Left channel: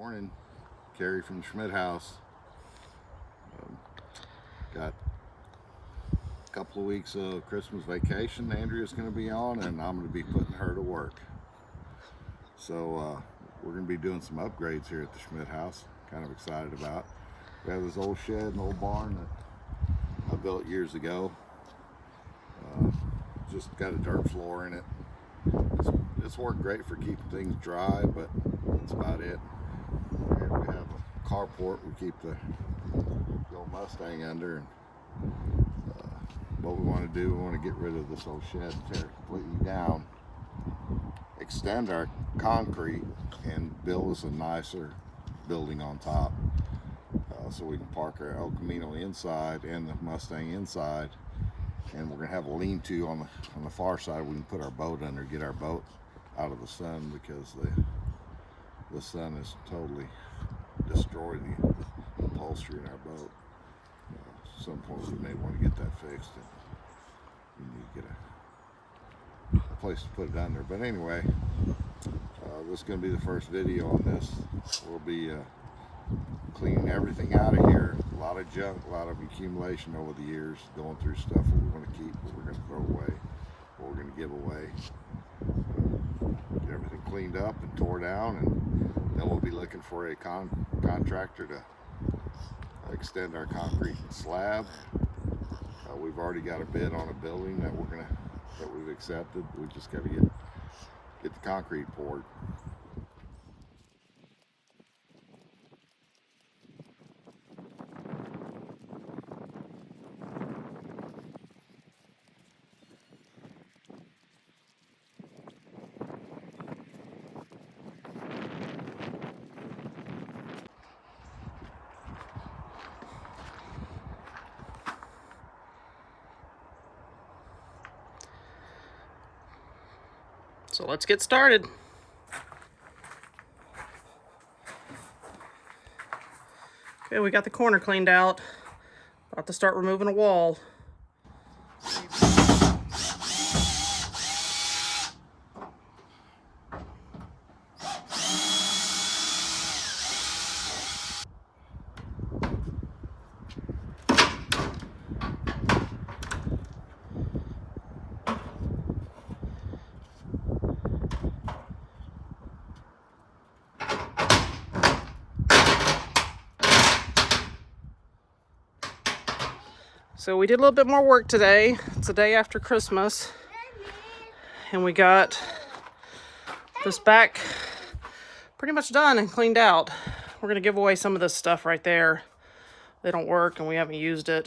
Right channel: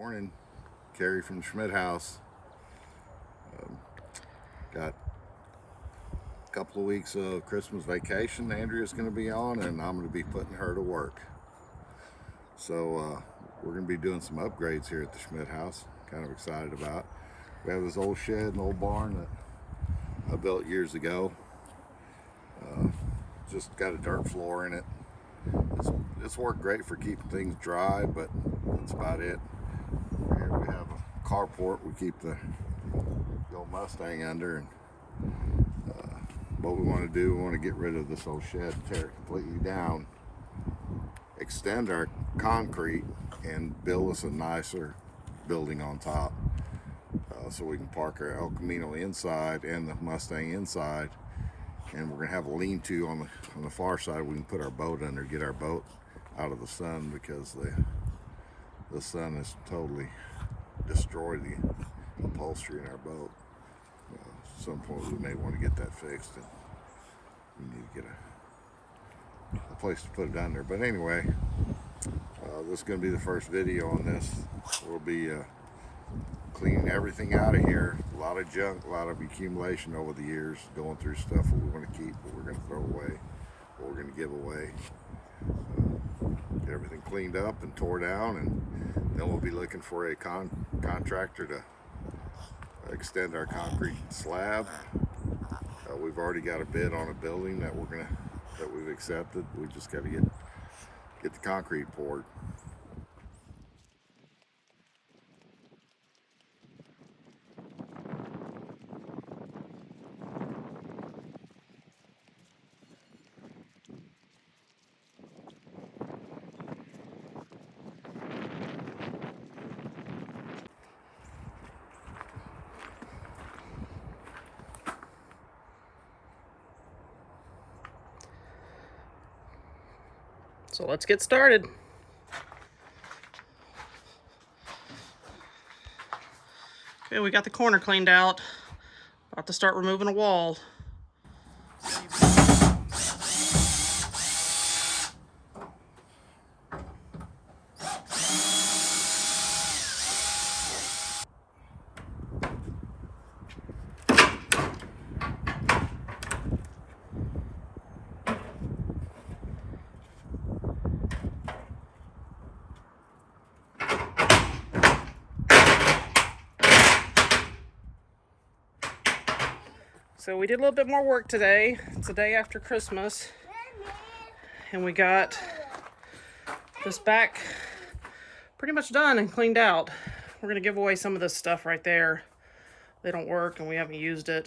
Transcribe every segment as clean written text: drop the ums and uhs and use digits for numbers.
Morning, Carrie from the Schmidt House. Got a couple of weeks of Christmas vacation Andrea's going to be on, and I'm going to be putting her to work. So we're going to be doing some upgrades here at the Schmidt House. Kind of excited about. We have this old shed and old barn that I built years ago. Just got a dirt floor in it. It's worked great for keeping things dry, but that's about it. Here we have a carport we keep the old Mustang under, and what we want to do, we want to get rid of this old shed, tear it completely down, extend our concrete, and build us a nicer building on top, so we can park our El Camino inside and the Mustang inside. And we're gonna have a lean-to on the far side. We can put our boat under, get our boat out of the sun, because the sun has totally destroyed the upholstery in our boat. At some point we may want to get that fixed, and we need to get a place to put it under. But anyway, this is going to be the first video on this. We'll be cleaning everything out of here. A lot of junk, a lot of accumulation over the years, going through stuff what we want to keep, what we're going to throw away, what we're going to give away. Get everything cleaned up and tore down, and then we'll be looking for a contractor to extend our concrete slab. We've already got a bid on a building that we've accepted. We just got to get the concrete poured. So let's get started. Okay, we got the corner cleaned out. About to start removing a wall. So we did a little bit more work today. It's the day after Christmas, and we got this back pretty much done and cleaned out. We're gonna give away some of this stuff right there. They don't work and we haven't used it.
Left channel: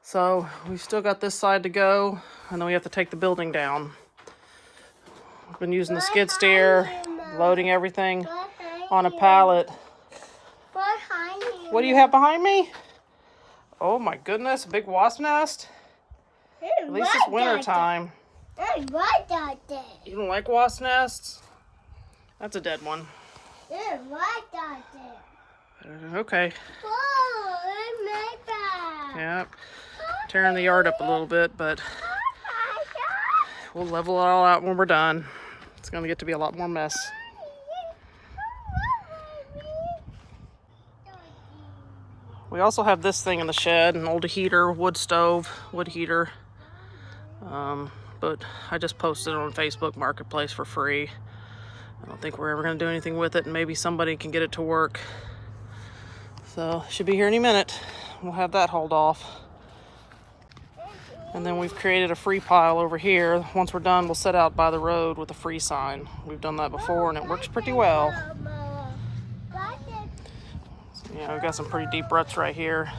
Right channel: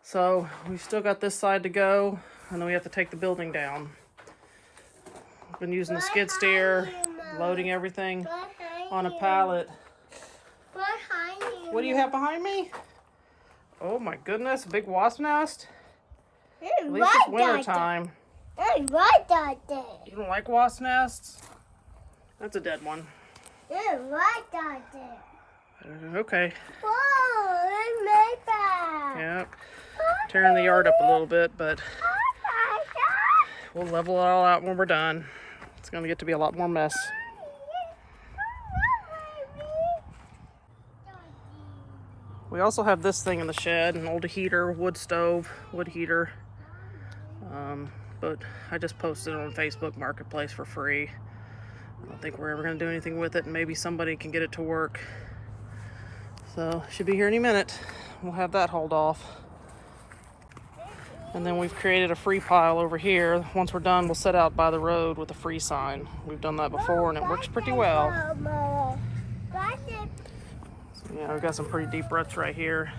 So we've still got this side to go, and then we have to take the building down. I've been using the skid steer, loading everything on a pallet. What do you have behind me? Oh my goodness, a big wasp nest? At least it's winter time. You don't like wasp nests? That's a dead one. Okay. Yep. Tearing the yard up a little bit, but we'll level it all out when we're done. It's going to get to be a lot more mess. We also have this thing in the shed, an old heater, wood stove, wood heater. But I just posted it on Facebook Marketplace for free. I don't think we're ever going to do anything with it, and maybe somebody can get it to work. So it should be here any minute. We'll have that hauled off. And then we've created a free pile over here. Once we're done, we'll set out by the road with a free sign. We've done that before, and it works pretty well. Yeah, we've got some pretty deep ruts right here.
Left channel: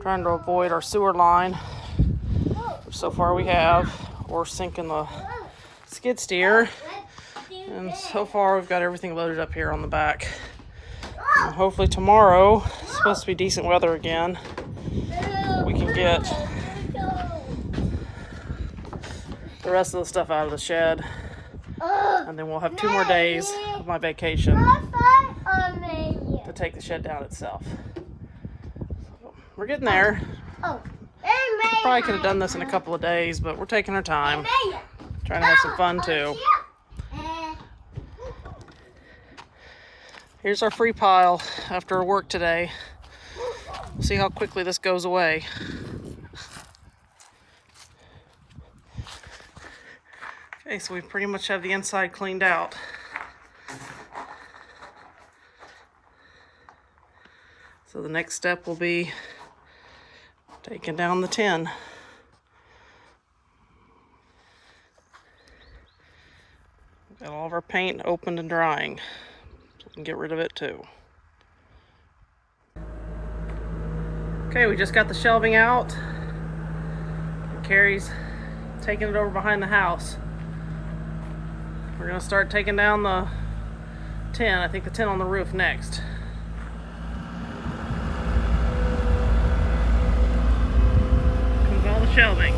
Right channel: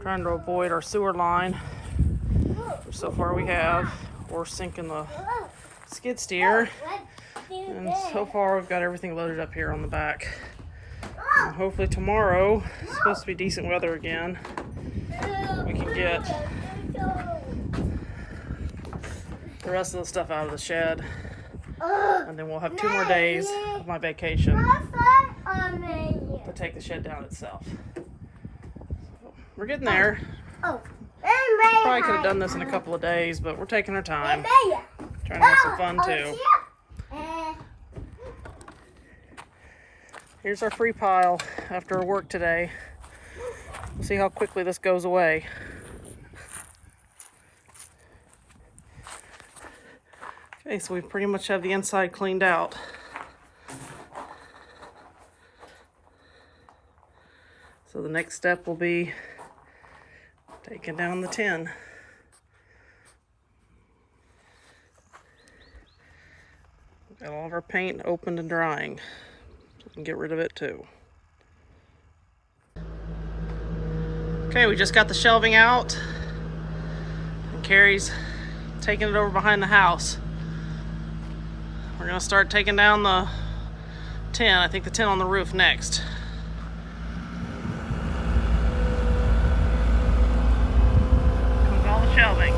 Trying to avoid our sewer line, which so far we have, or sinking the skid steer. And so far we've got everything loaded up here on the back. And hopefully tomorrow, it's supposed to be decent weather again, we can get the rest of the stuff out of the shed. And then we'll have 2 more days of my vacation to take the shed down itself. So we're getting there. Probably could have done this in a couple of days, but we're taking our time. Trying to have some fun too. Here's our free pile after our work today. We'll see how quickly this goes away. Okay, so we pretty much have the inside cleaned out. So the next step will be taking down the tin. Got all of our paint opened and drying, so we can get rid of it too. Okay, we just got the shelving out, and Carrie's taking it over behind the house. We're gonna start taking down the tin. I think the tin on the roof next. With all the shelving.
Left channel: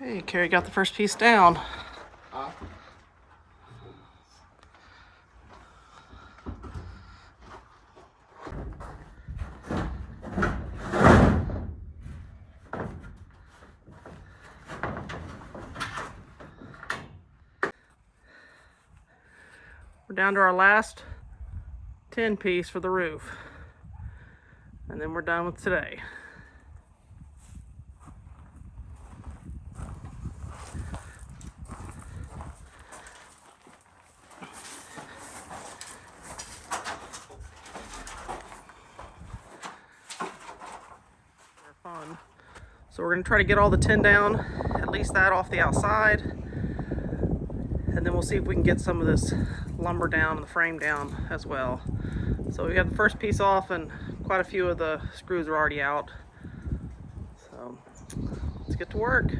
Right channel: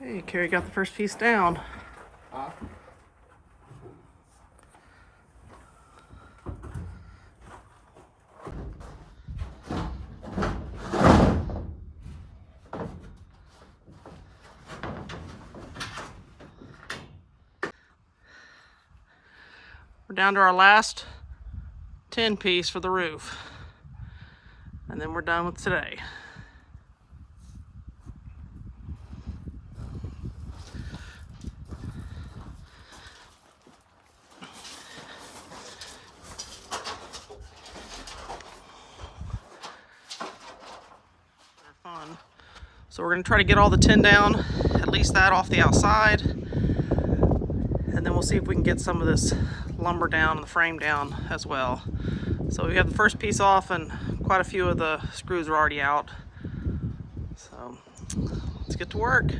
Okay, Carrie got the first piece down. We're down to our last tin piece for the roof. And then we're done with today. They're fun. So we're gonna try to get all the tin down, at least that off the outside. And then we'll see if we can get some of this lumber down and the frame down as well. So we have the first piece off and quite a few of the screws are already out. So let's get to work.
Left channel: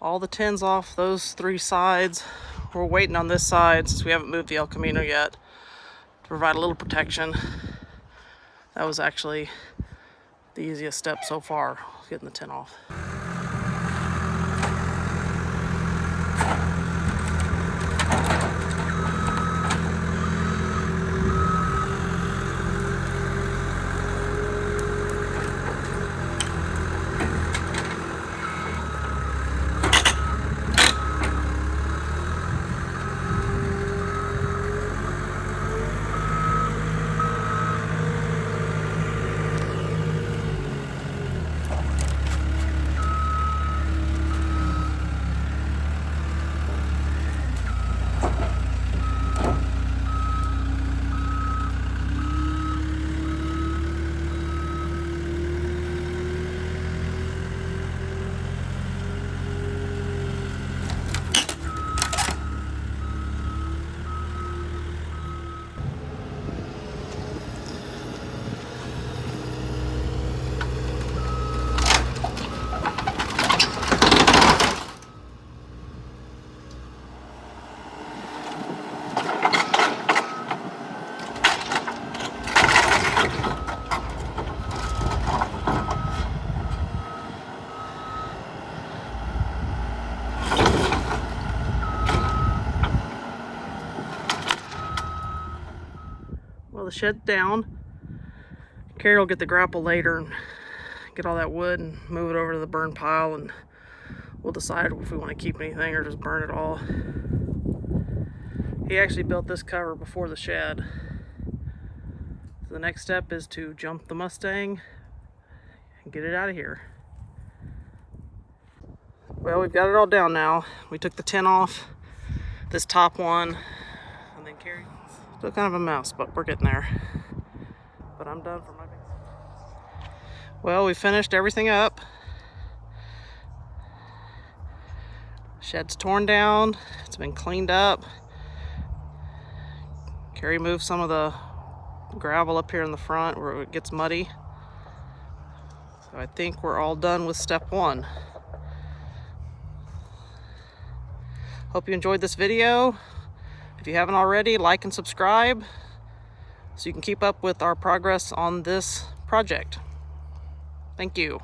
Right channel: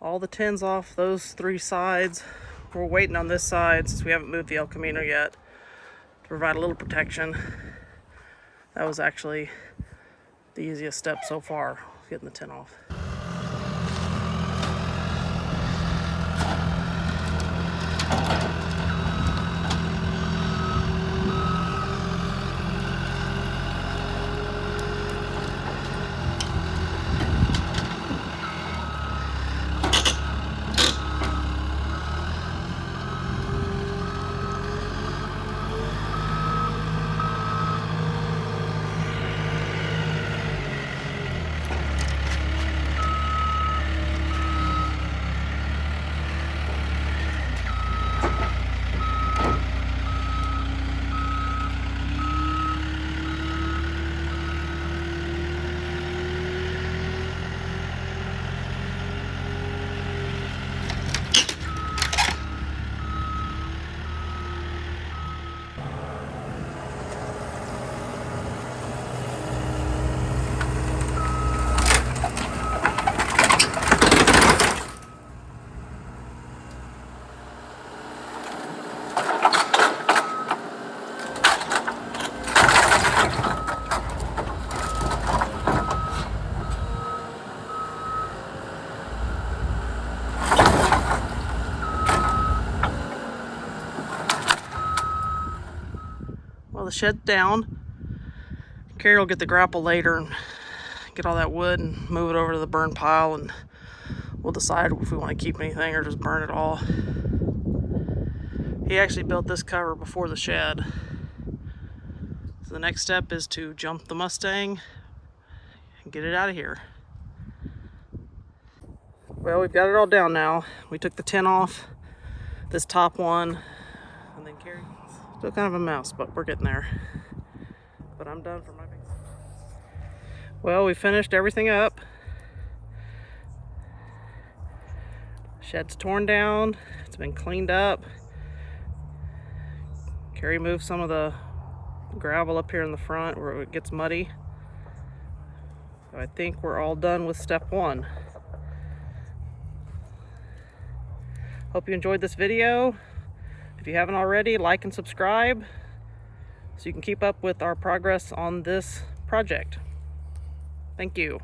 All the tins off those three sides. We're waiting on this side since we haven't moved the El Camino yet to provide a little protection. That was actually the easiest step so far, getting the tin off. Well, the shed's down. Carrie will get the grapple later and get all that wood and move it over to the burn pile, and we'll decide if we want to keep anything or just burn it all. He actually built this cover before the shed. So the next step is to jump the Mustang and get it out of here. Well, we've got it all down now. We took the tin off, this top one, and then Carrie. Still kind of a mess, but we're getting there. But I'm done for my big. Well, we finished everything up. Shed's torn down. It's been cleaned up. Carrie moved some of the gravel up here in the front where it gets muddy. So I think we're all done with step one. Hope you enjoyed this video. If you haven't already, like and subscribe so you can keep up with our progress on this project. Thank you.